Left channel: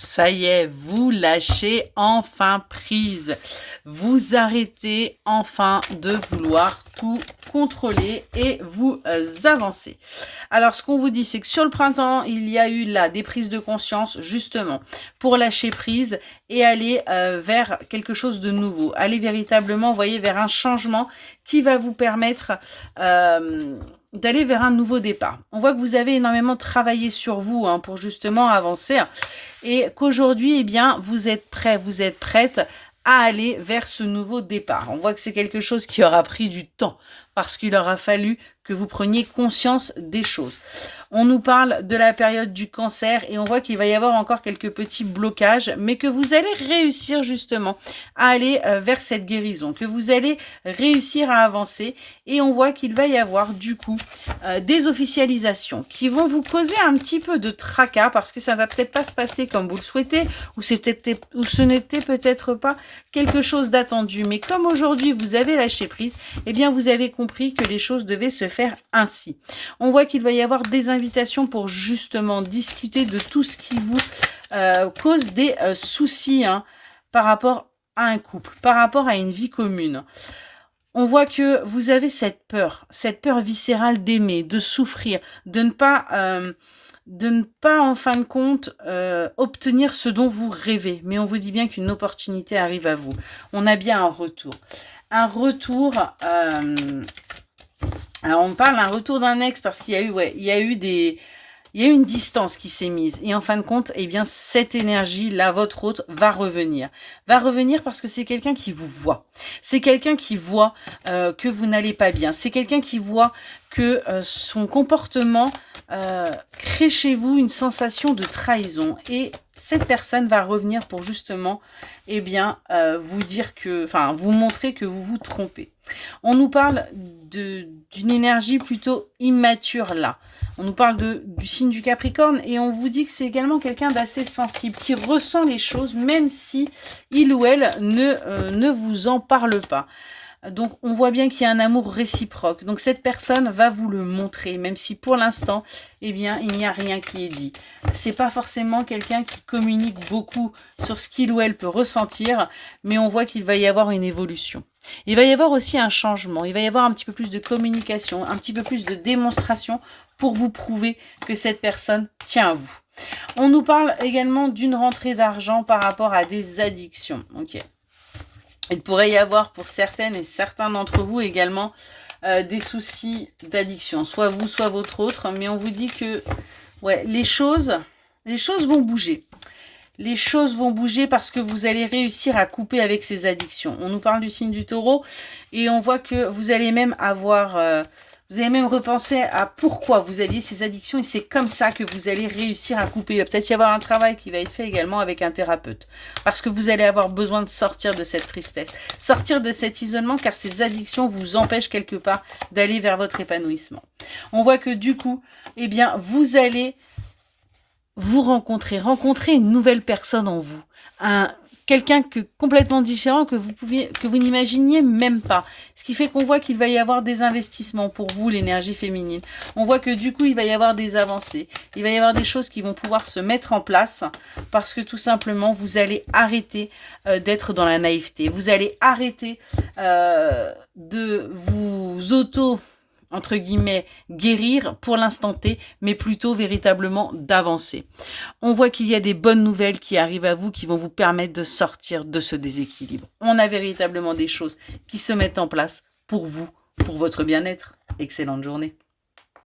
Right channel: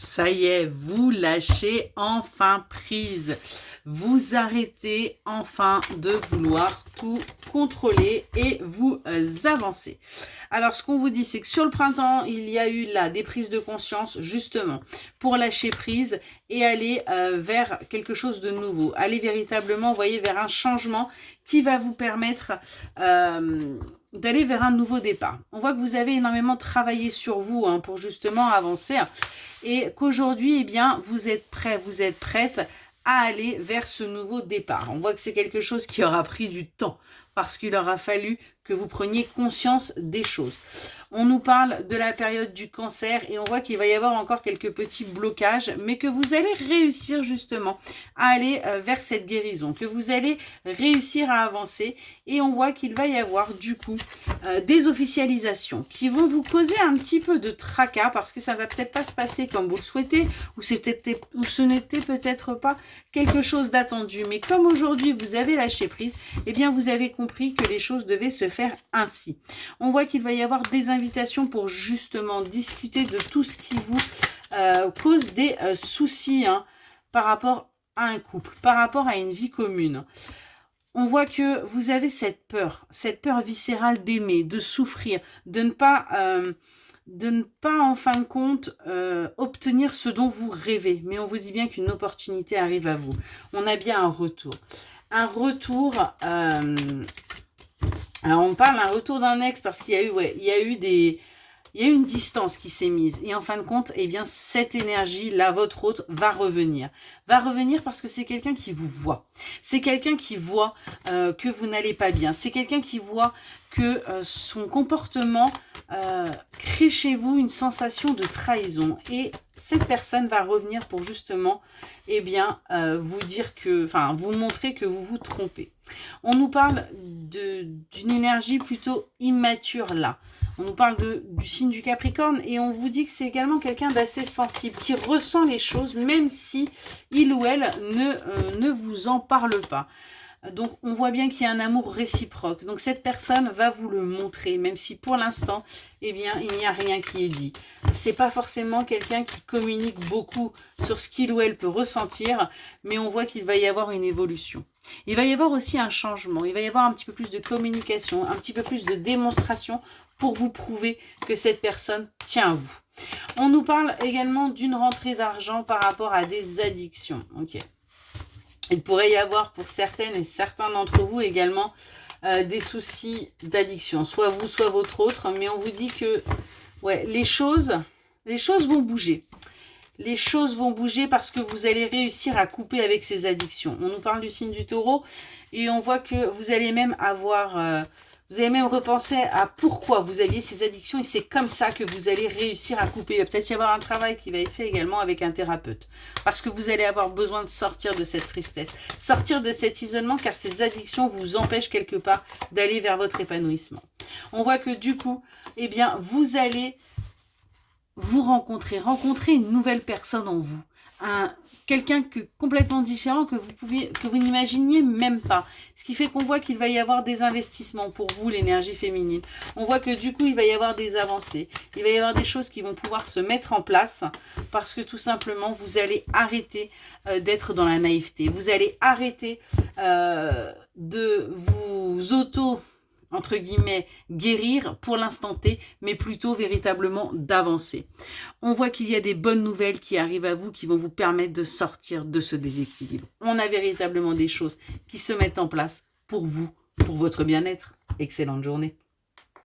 Ça y est, vous lâchez enfin prise. Vous arrêtez enfin de vouloir tout contrôler et vous avancez. Alors, ce qu'on vous dit, c'est que sur le printemps, il y a eu là des prises de conscience, justement, pour lâcher prise et aller vers quelque chose de nouveau. Aller véritablement, vous voyez, vers un changement qui va vous permettre d'aller vers un nouveau départ. On voit que vous avez énormément travaillé sur vous pour justement avancer et qu'aujourd'hui, eh bien, vous êtes prêt, vous êtes prête à aller vers ce nouveau départ. On voit que c'est quelque chose qui aura pris du temps parce qu'il aura fallu que vous preniez conscience des choses. On nous parle de la période du cancer et on voit qu'il va y avoir encore quelques petits blocages, mais que vous allez réussir justement à aller vers cette guérison, que vous allez réussir à avancer et on voit qu'il va y avoir du coup des officialisations qui vont vous causer un petit peu de tracas parce que ça va peut-être pas se passer comme vous le souhaitez ou ce n'était peut-être pas quelque chose d'attendu. Mais comme aujourd'hui vous avez lâché prise, eh bien vous avez compris que les choses devaient se faire ainsi. On voit qu'il va y avoir des invitations pour justement discuter de tout ce qui vous cause des soucis par rapport à un couple, par rapport à une vie commune. On voit que vous avez cette peur viscérale d'aimer, de souffrir, de ne pas en fin de compte obtenir ce dont vous rêvez. Mais on vous dit bien qu'une opportunité arrive à vous. On a bien un retour. Un retour... alors on parle d'un retour d'un ex parce qu'il y a eu, il y a eu une distance qui s'est mise. Et en fin de compte, eh bien, cette énergie-là, votre autre, va revenir. Va revenir parce que c'est quelqu'un qui vous voit. C'est quelqu'un qui voit que vous n'allez pas bien. C'est quelqu'un qui voit que son comportement crée chez vous une sensation de trahison. Et cette personne va revenir pour justement, eh bien, vous dire que, enfin, vous montrer que vous vous trompez. On nous parle d'une énergie plutôt immature là. On nous parle du signe du Capricorne et on vous dit que c'est également quelqu'un d'assez sensible, qui ressent les choses même si il ou elle ne vous en parle pas. Donc, on voit bien qu'il y a un amour réciproque. Donc, cette personne va vous le montrer, même si pour l'instant, eh bien, il n'y a rien qui est dit. C'est pas forcément quelqu'un qui communique beaucoup sur ce qu'il ou elle peut ressentir, mais on voit qu'il va y avoir une évolution. Il va y avoir aussi un changement. Il va y avoir un petit peu plus de communication, un petit peu plus de démonstration pour vous prouver que cette personne tient à vous. On nous parle également d'une rentrée d'argent par rapport à des addictions. Ok. Il pourrait y avoir pour certaines et certains d'entre vous également des soucis d'addiction, soit vous, soit votre autre, mais on vous dit que ouais, les choses vont bouger. Les choses vont bouger parce que vous allez réussir à couper avec ces addictions. On nous parle du signe du taureau et on voit que vous allez même avoir... vous allez même repenser à pourquoi vous aviez ces addictions et c'est comme ça que vous allez réussir à couper. Il va peut-être y avoir un travail qui va être fait également avec un thérapeute. Parce que vous allez avoir besoin de sortir de cette tristesse, sortir de cet isolement car ces addictions vous empêchent quelque part d'aller vers votre épanouissement. On voit que du coup, eh bien, vous allez vous rencontrer une nouvelle personne en vous. Quelqu'un complètement différent que vous n'imaginiez même pas. Ce qui fait qu'on voit qu'il va y avoir des investissements pour vous, l'énergie féminine. On voit que du coup, il va y avoir des avancées. Il va y avoir des choses qui vont pouvoir se mettre en place parce que tout simplement, vous allez arrêter d'être dans la naïveté. Vous allez arrêter de vous entre guillemets, guérir pour l'instant T, mais plutôt véritablement d'avancer. On voit qu'il y a des bonnes nouvelles qui arrivent à vous, qui vont vous permettre de sortir de ce déséquilibre. On a véritablement des choses qui se mettent en place pour vous, pour votre bien-être. Excellente journée.